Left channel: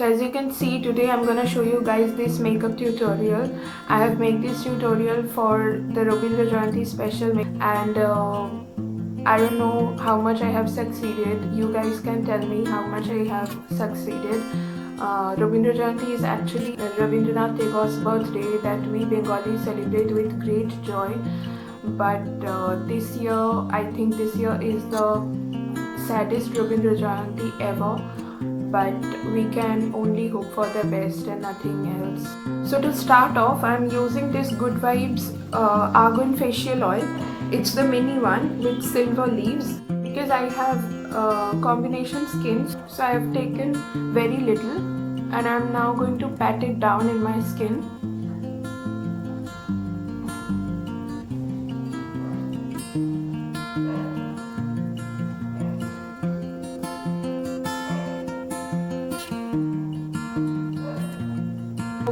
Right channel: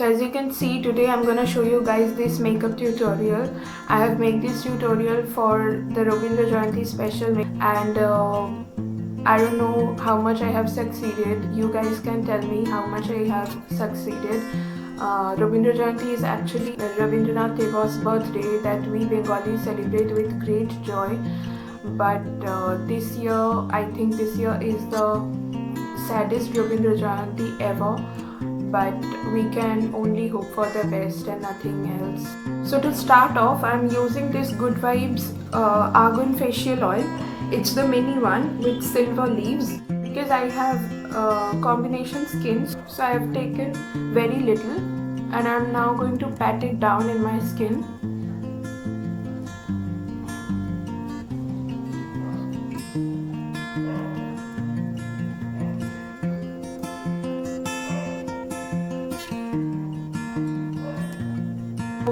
So as you can see, today I'm gonna show you guys this makeup tutorial. I have made this tutorial for the Robindra Jayanti special and I don't know how much I have succeeded. You guys can tell me how much I have succeeded. Robindra Jayanti is actually Rabindranath Tagore's birthday that we Bengalis celebrate with great joy. But this year, I think this year is the saddest Rabindra Jayanti ever. But we can only hope for the best and nothing else. So to start off, I'm using this Good Vibes Argan facial oil. It's the mini one with silver leaves. Because I have combination skin, so I have taken very little and I'm now going to pat it down in my skin.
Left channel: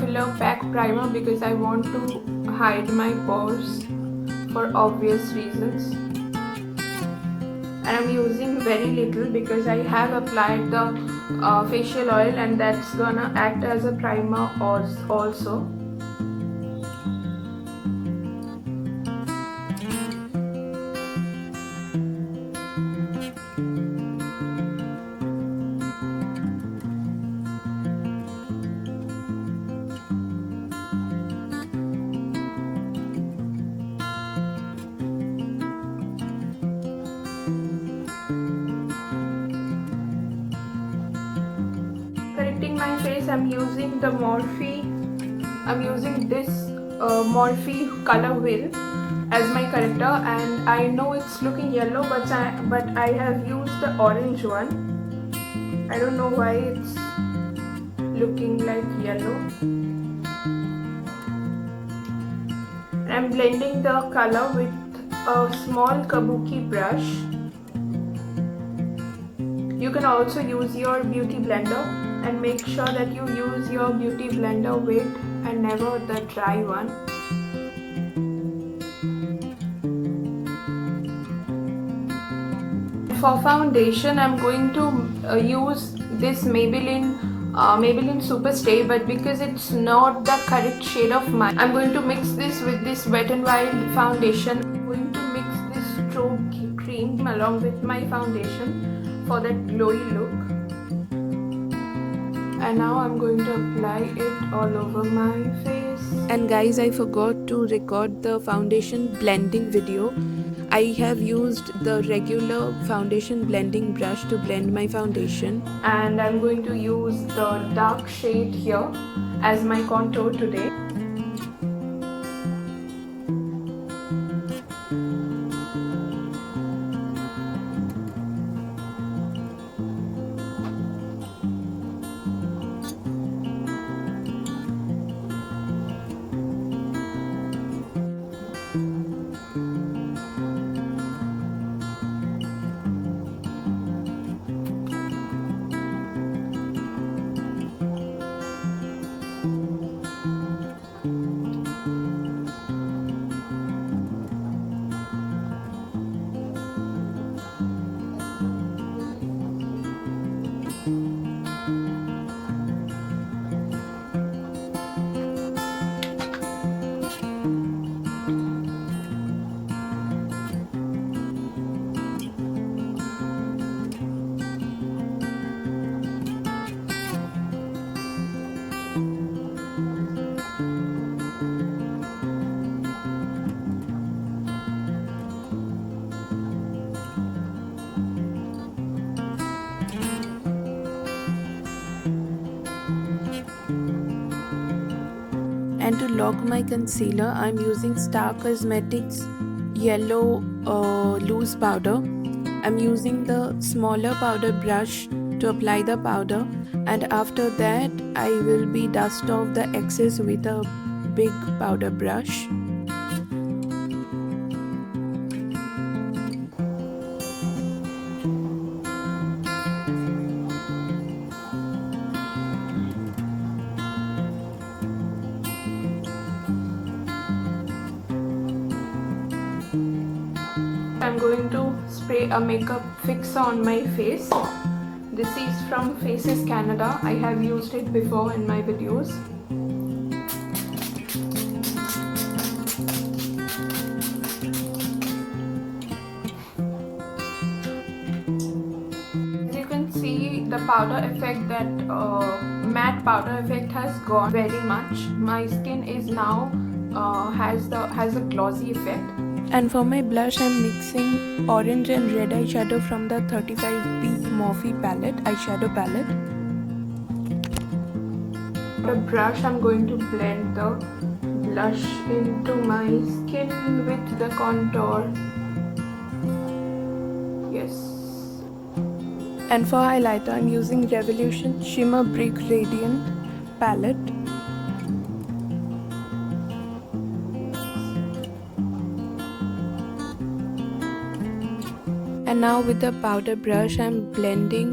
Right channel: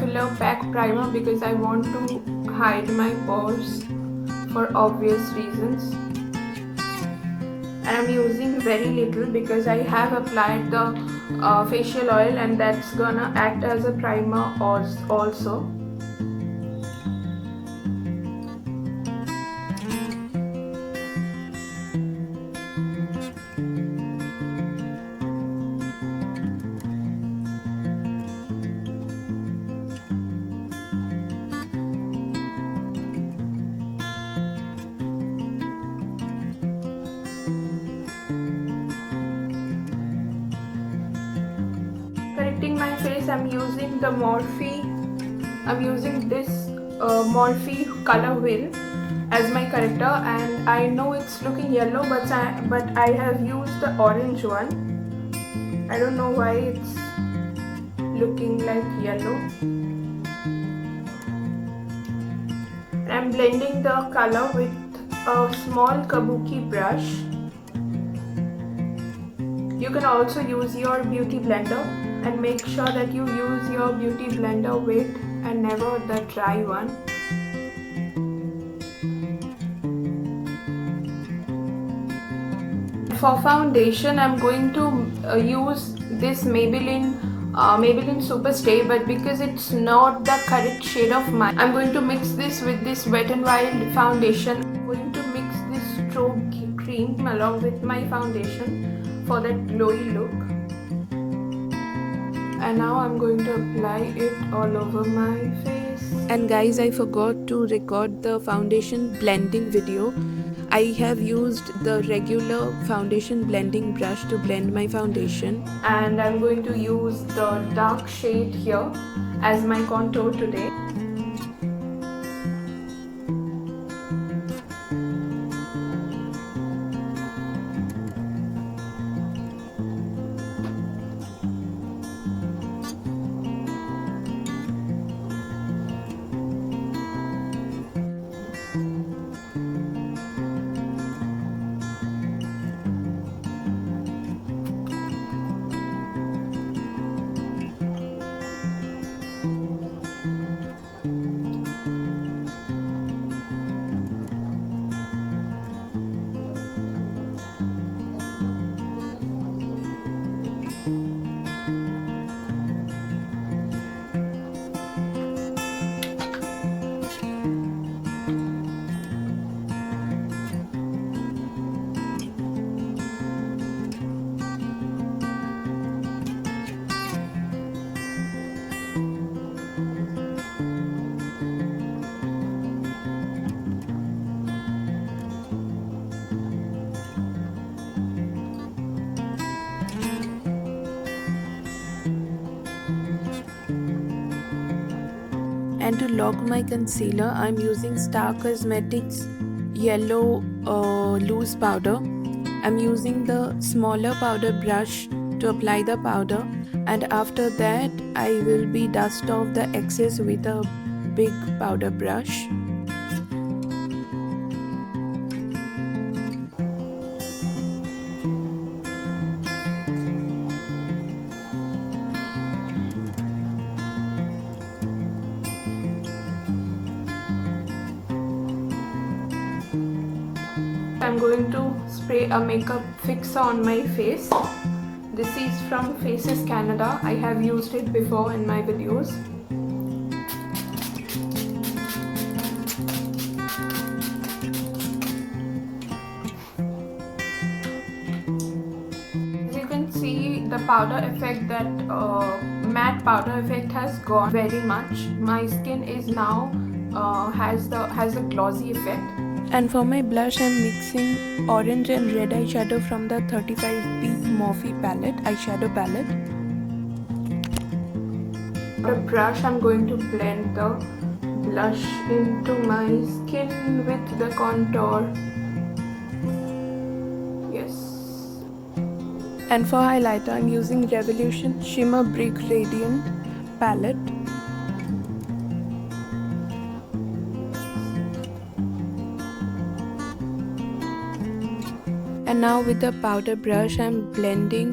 Filler pack primer because I want to hide my pores for obvious reasons, and I'm using very little because I have applied the facial oil and that's gonna act as a primer also. Correcting my face, I'm using the Morphe. I'm using this Morphe color wheel as my corrector, and I know it's looking yellow, but I have used the orange one. I don't know why it's looking like yellow. I'm blending the color with a small kabuki brush. You can also use your beauty blender, and make sure that you use your beauty blender wet and never the dry one. For foundation, I'm going to use this Maybelline Super Stay, but because it's not the correct shade of mine, I'm going to mix this with this Wet n Wild foundation. I'm going to mix this strobe cream along with my foundation for that glowy look. And now I'm going to apply it all over my face. And guys, I forgot to record the foundation blending video. I have used the regular foundation blending brush to blend my foundation. And I'm going to use the dark shade here as my contour today. And to lock my concealer, I'm using Star Cosmetics yellow loose powder. I'm using the smaller powder brush to apply the powder, and after that I will be dust off the excess with a big powder brush. I'm going to spray a makeup fixer on my face. This is from Faces Canada. I have used it before in my videos. As you can see, the powder effect, that matte powder effect has gone very much. My skin is now has a glossy effect. And for my blush, I'm mixing orange and red eyeshadow from the 35B Morphe palette, eyeshadow palette. The brush, I'm going to blend the blush into my skin with the contour. Yes. And for highlighter, I'm using Revolution Shimmer Brick Radiant palette. And now with the powder brush, I'm blending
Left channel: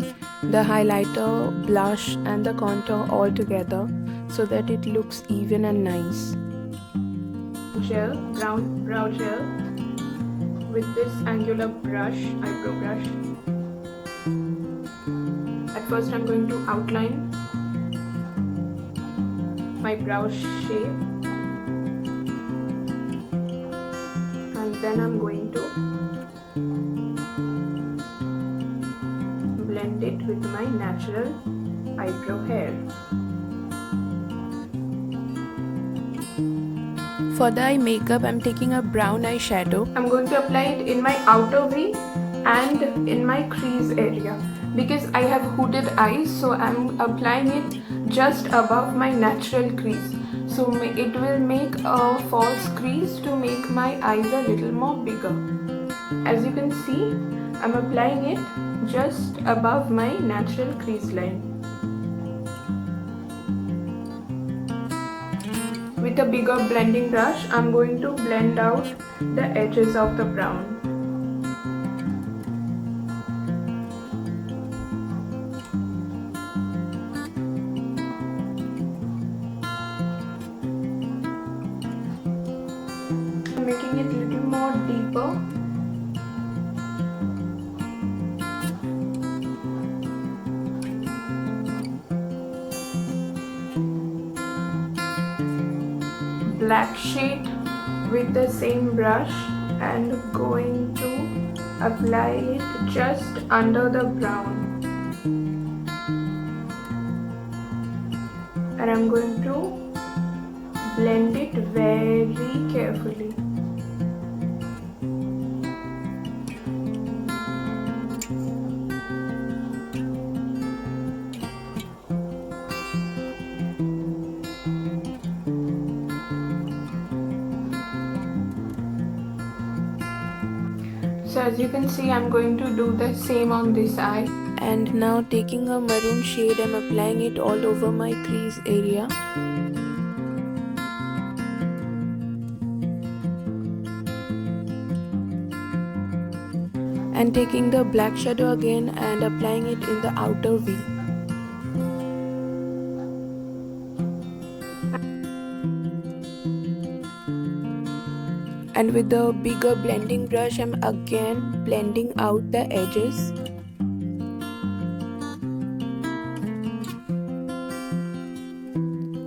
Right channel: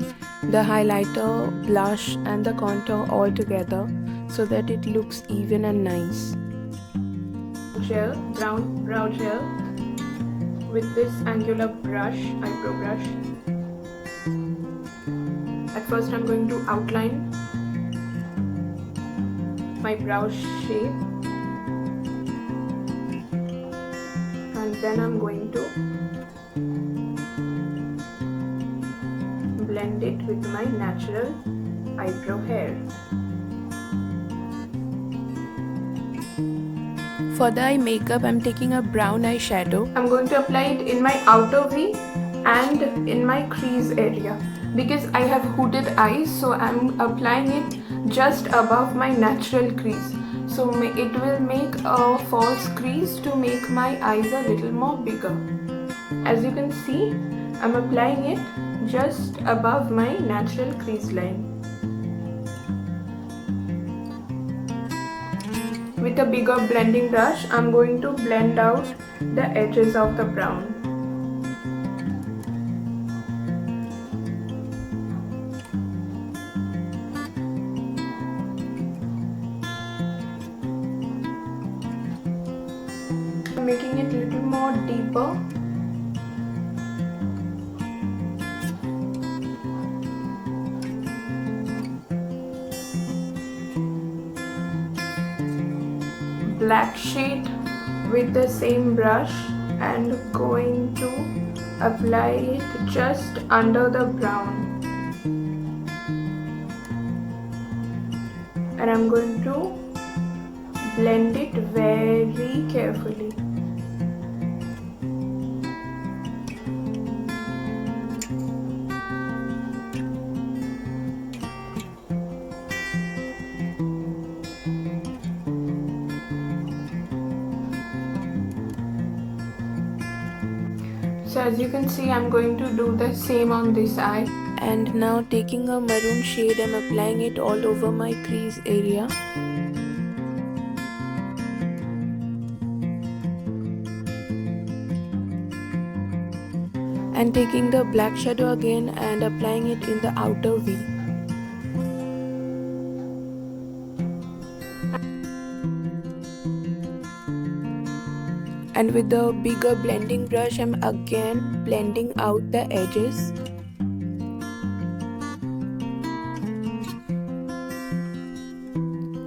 the highlighter, blush and the contour all together so that it looks even and nice. Gel, brown brow gel with this angular brush, eyebrow brush. At first I'm going to outline my brow shape, and then I'm going to blend it with my natural eyebrow hair. For the eye makeup, I'm taking a brown eyeshadow. I'm going to apply it in my outer V and in my crease area. Because I have hooded eyes, so I'm applying it just above my natural crease. So it will make a false crease to make my eyes a little more bigger. As you can see, I'm applying it just above my natural crease line. With a bigger blending brush, I'm going to blend out the edges of the brown. I'm making it a little more deeper. Black shade with the same brush and going to apply it just under the brown, and I'm going to blend it very carefully. So as you can see, I'm going to do the same on this eye. And now taking a maroon shade, I'm applying it all over my crease area. And taking the black shadow again and applying it in the outer V. And with the bigger blending brush, I'm again blending out the edges.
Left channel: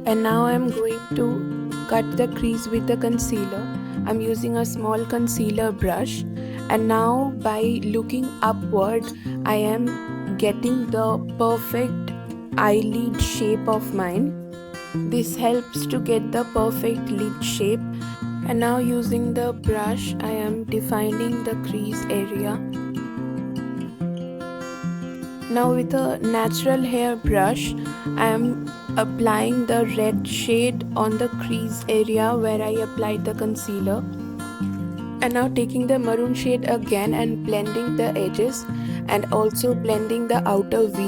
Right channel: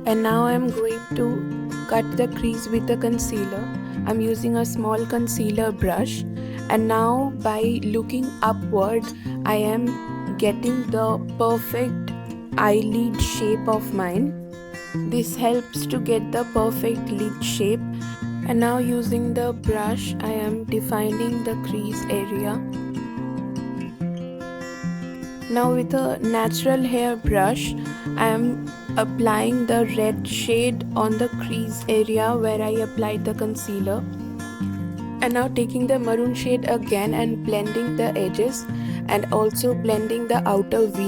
And now I'm going to cut the crease with the concealer. I'm using a small concealer brush. And now by looking upward, I am getting the perfect eyelid shape of mine. This helps to get the perfect lid shape. And now using the brush, I am defining the crease area. Now with a natural hair brush, I am applying the red shade on the crease area where I applied the concealer. And now taking the maroon shade again and blending the edges and also blending the outer V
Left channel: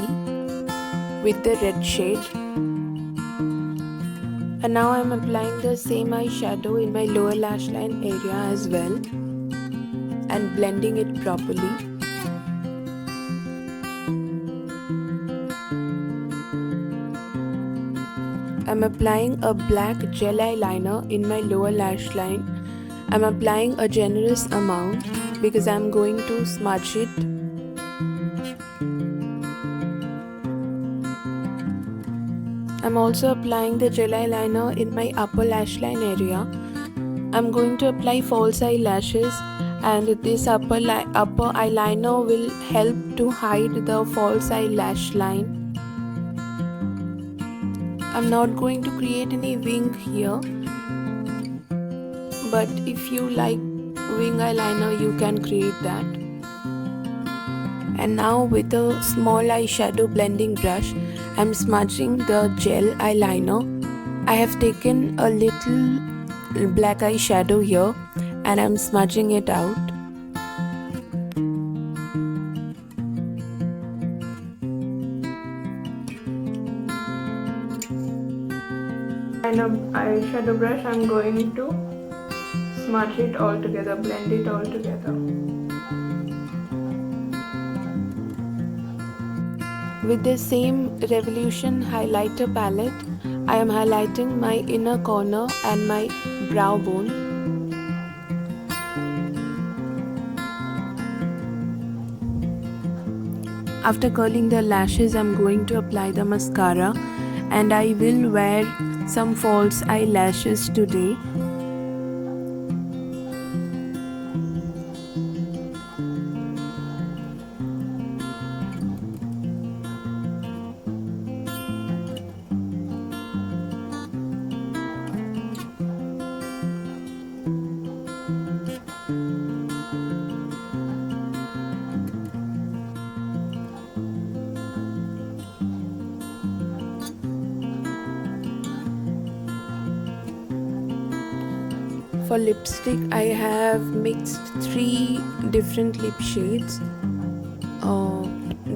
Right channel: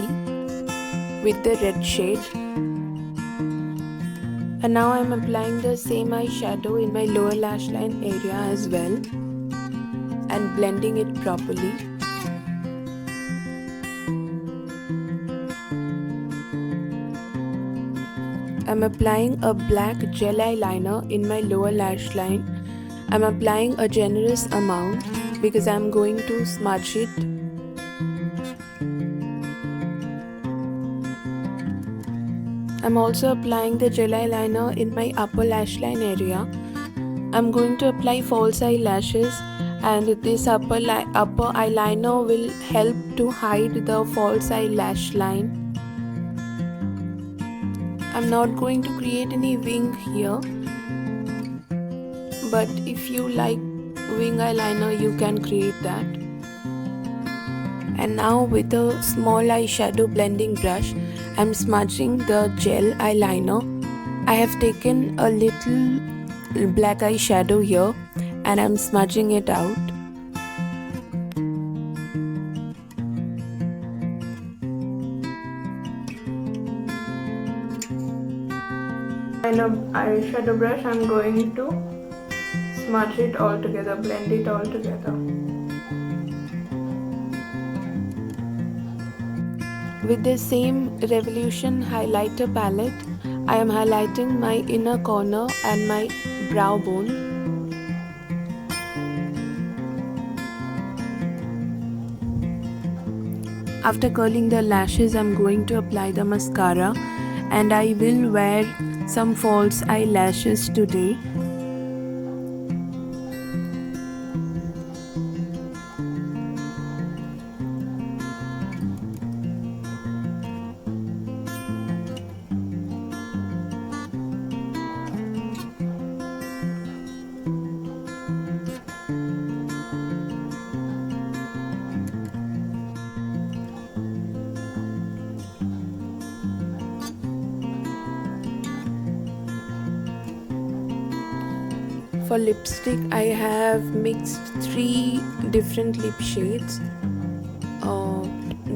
with the red shade. And now I am applying the same eyeshadow in my lower lash line area as well and blending it properly. I'm applying a black gel eyeliner in my lower lash line. I'm applying a generous amount because I'm going to smudge it. I'm also applying the gel eyeliner in my upper lash line area. I'm going to apply false eyelashes, and this upper eyeliner will help to hide the false eyelash line. I'm not going to create any wing here, but if you like wing eyeliner, you can create that. And now with a small eyeshadow blending brush, I'm smudging the gel eyeliner. I have taken a little black eyeshadow here and I'm smudging it out. And an eyeshadow brush, I'm going to smudge it all together, blend it all together. With the same Revolution highlighter palette, I am highlighting my inner corner and my brow bone. After curling the lashes, I'm going to apply the mascara, and I will wear some false eyelashes today. For lipstick, I have mixed 3 different lip shades.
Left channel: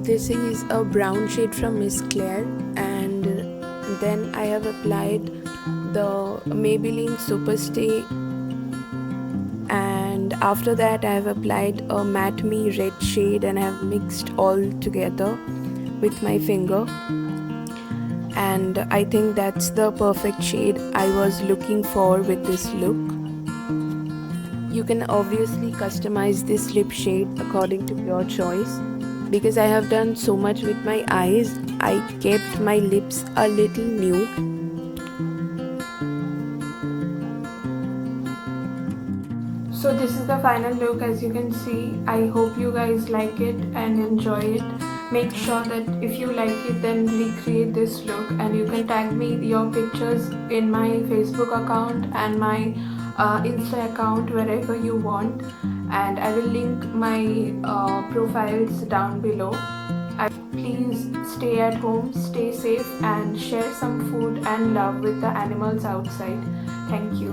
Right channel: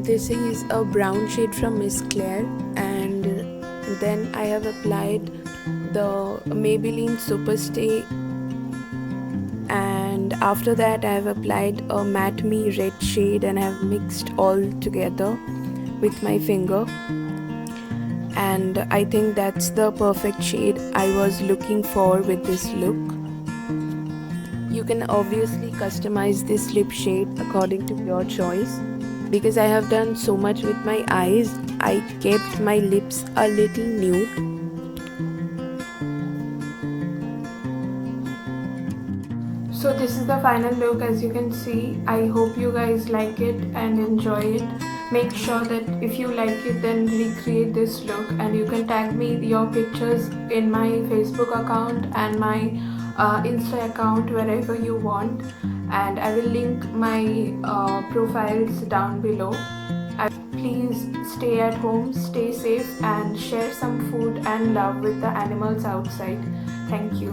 This is a brown shade from Miss Claire, and then I have applied the Maybelline Superstay, and after that I have applied a Matte Me red shade and I have mixed all together with my finger. And I think that's the perfect shade I was looking for with this look. You can obviously customize this lip shade according to your choice. Because I have done so much with my eyes, I kept my lips a little nude. So this is the final look. As you can see, I hope you guys like it and enjoy it. Make sure that if you like it, then recreate this look, and you can tag me your pictures in my Facebook account and my Insta account, wherever you want, and I will link my profiles down below. Please stay at home, stay safe, and share some food and love with the animals outside. Thank you.